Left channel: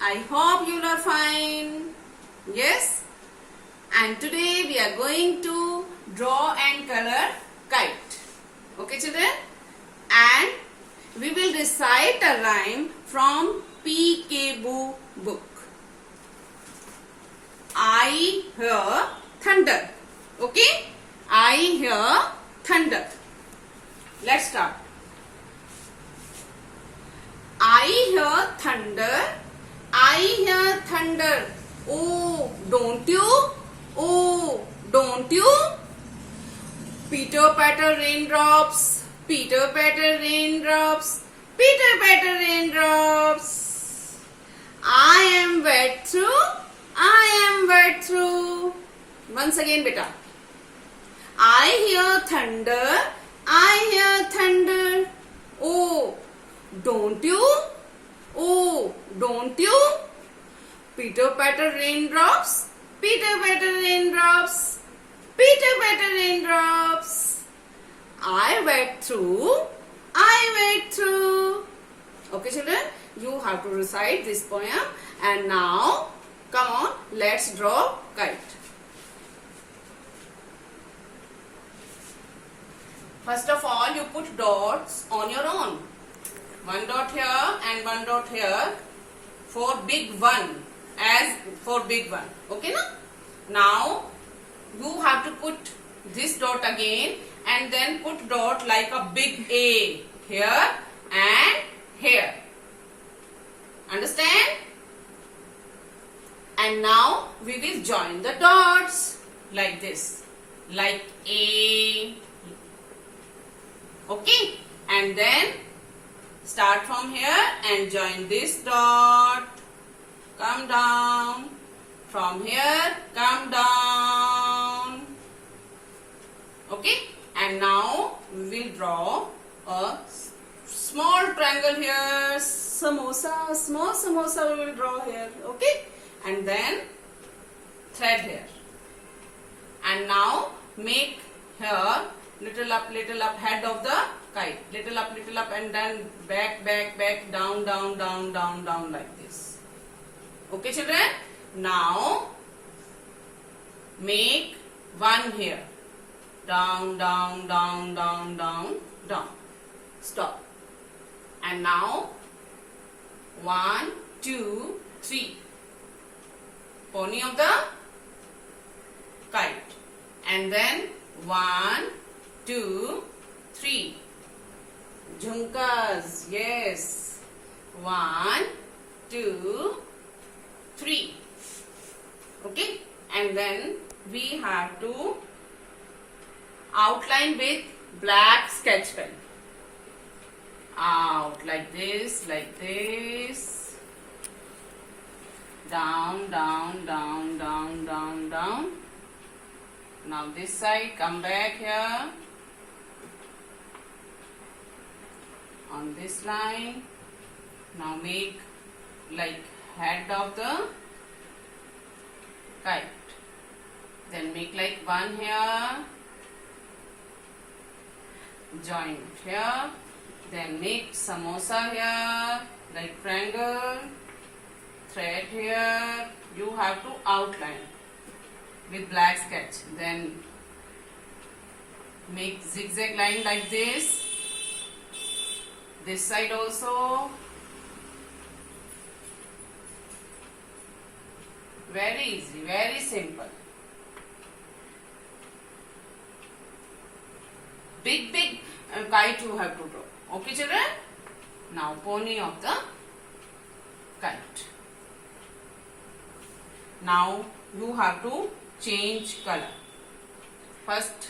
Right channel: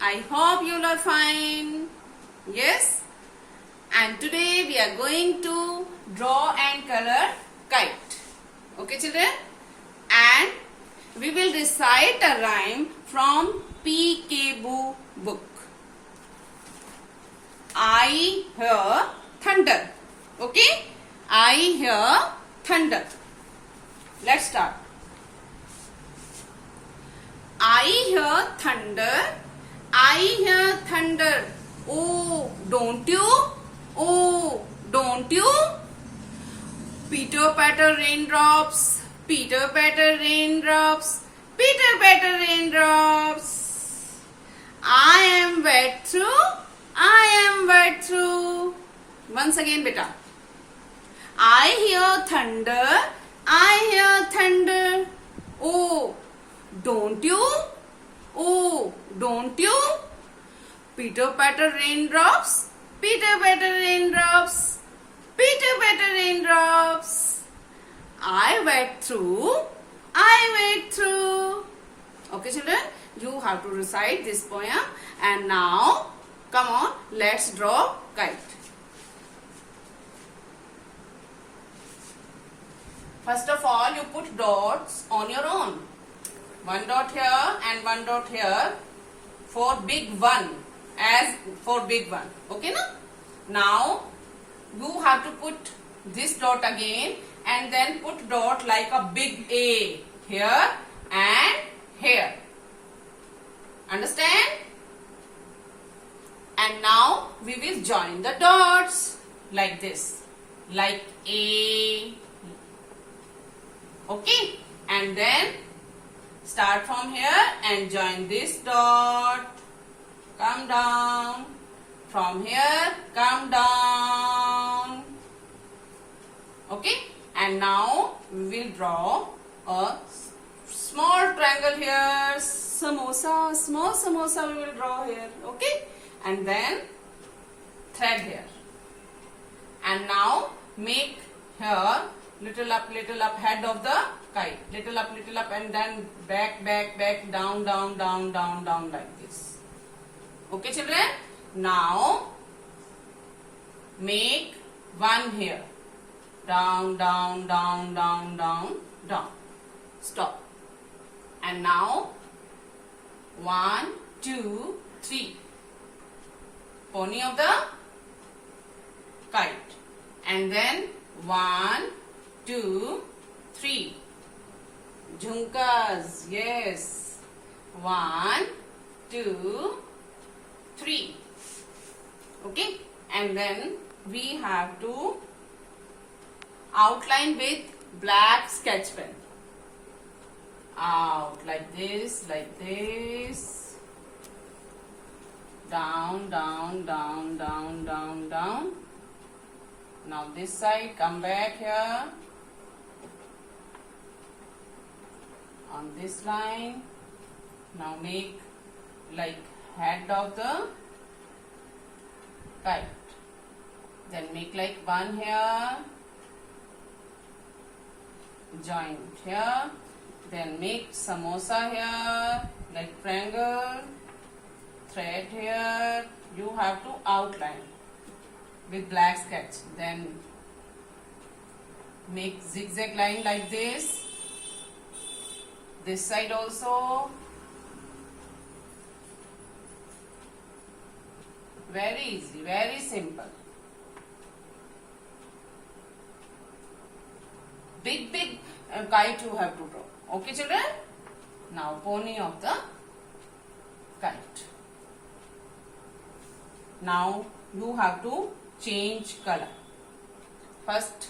I hope you are fine. Yes? And today we are going to draw and color kite. Okay, children? And we will recite a rhyme from P.K. Boo book. I hear thunder. Okay? I hear thunder. Let's start. I hear thunder. I hear thunder. Oh, don't you? Oh, don't you? Pitter patter raindrops. Pitter patter raindrops. Pitter patter raindrops. I am wet through. I am wet through. Once again, beta. I hear thunder. I hear thunder. Oh, don't you? Oh, don't you? Pitter patter raindrops. Pitter patter raindrops. Pitter patter raindrops. I wet through. I wet through. Okay, children, you have to recite this poem. And now, come on, let's draw kite. First of all, you put dots on your own. One dot here and one dot here for big one, as for big one. Okay, na? Now, you have to put this dot again and then put dot like a big A here and here. Understand? And now, we will join the dots like this. Like A. Okay, and then start from here and join this dot. Come down. From here, come down. Okay, and now we will draw a small triangle here. Samosa, small samosa we will draw here. Okay, and then thread here. And now make here little up head of the kite. Little up, and then back, down, like this. Okay, children? Now, make one here. Down. Stop. And now, 1, 2, 3. Pony of the kite. And then 1, 2, 3. Jhumkas, yes. 1, 2, 3. Okay, and then we have to outline with black sketch pen. Out like this. Down. Now this side, come back here. On this line. Now make like head of the kite. Then make like one here. Join here. Then make samosa here. Like triangle. Thread here. You have to outline with black sketch. Then make zigzag line like this. This side also. Very easy, very simple. Big kite you have to draw. Okay, children? Now pony of the kite. Now you have to change color. First,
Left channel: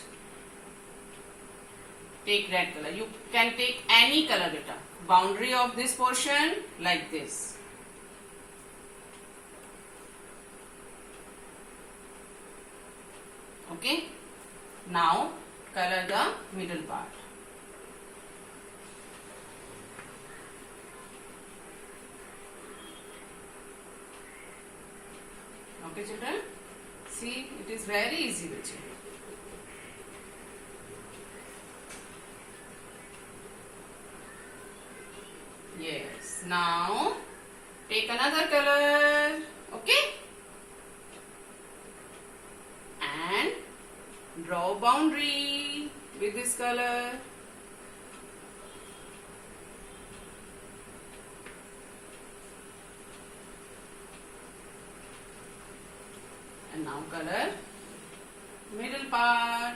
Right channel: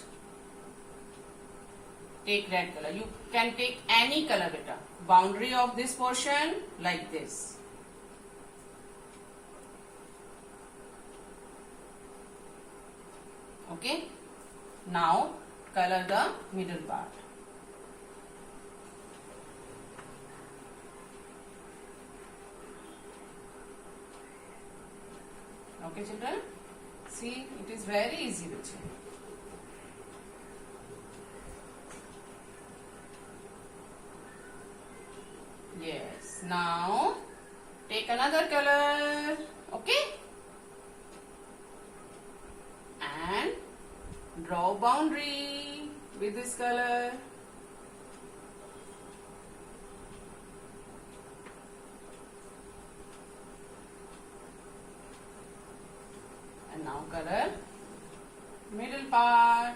take red color. You can take any color, beta. Boundary of this portion like this. Okay. Now color the middle part. Okay, children. See, it is very easy, with you. Yes. Now Take another color. Okay? And draw boundary with this color. And now color middle part.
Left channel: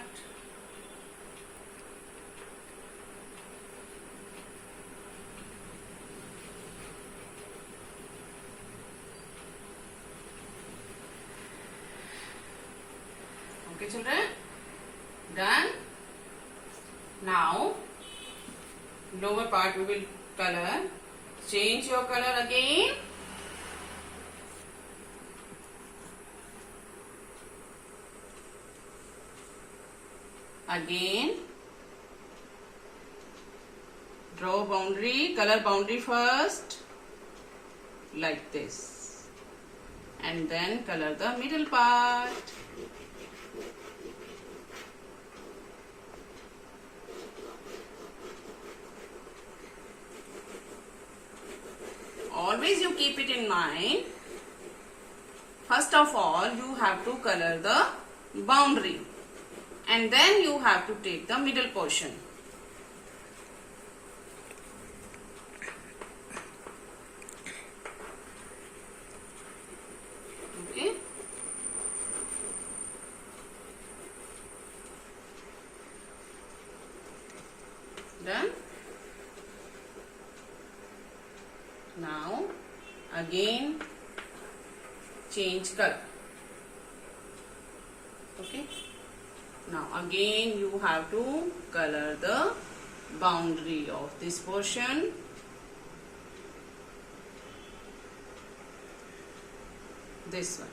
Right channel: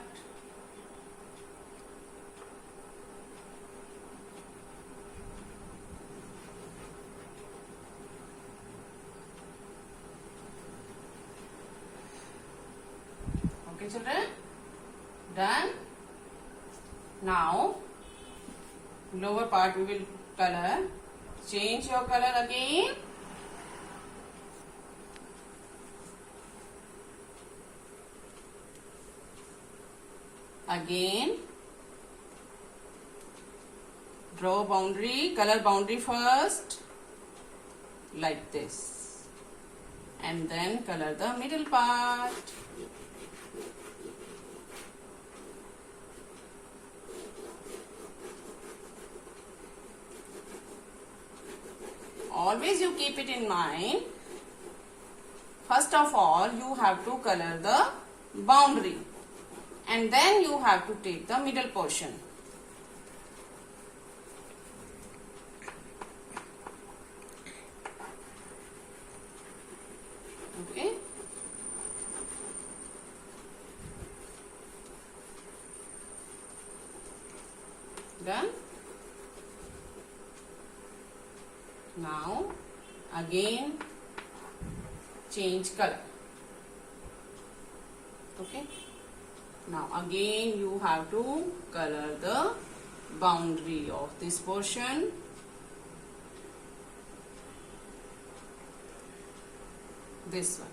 Okay, children? Done? Now, lower part we will color. Change your color again. Again. Draw boundary, color boundary first. Like this. And then color the middle part. Always you keep it in mind. First of all, you have to color the boundary. And then you have to take the middle portion. Okay. Done? Now, again, change color. Okay. Now, again, you have to color the boundary of this portion. This one.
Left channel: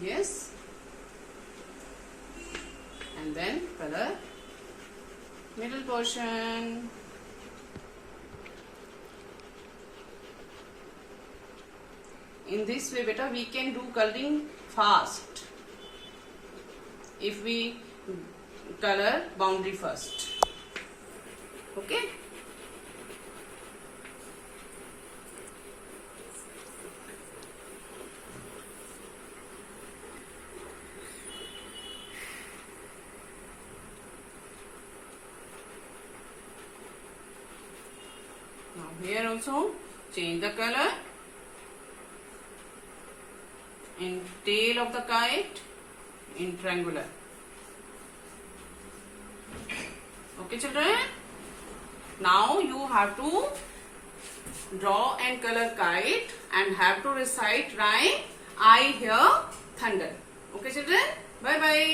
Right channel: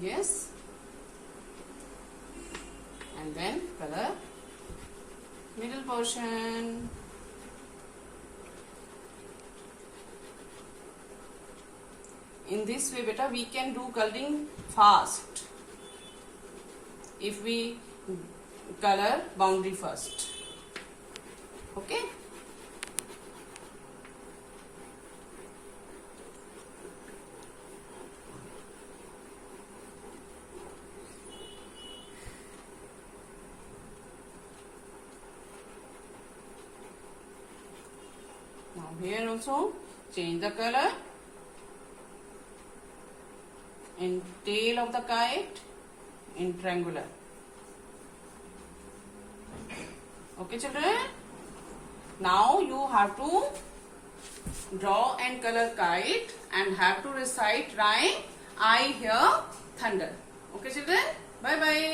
Yes. And then color middle portion. In this way, beta, we can do coloring fast if we color boundary first. Okay? Now here also change the color. In tail of the kite in triangular. Okay, children? Now you have to draw and color kite and have to recite rhyme I hear thunder. Okay, children? Bye bye.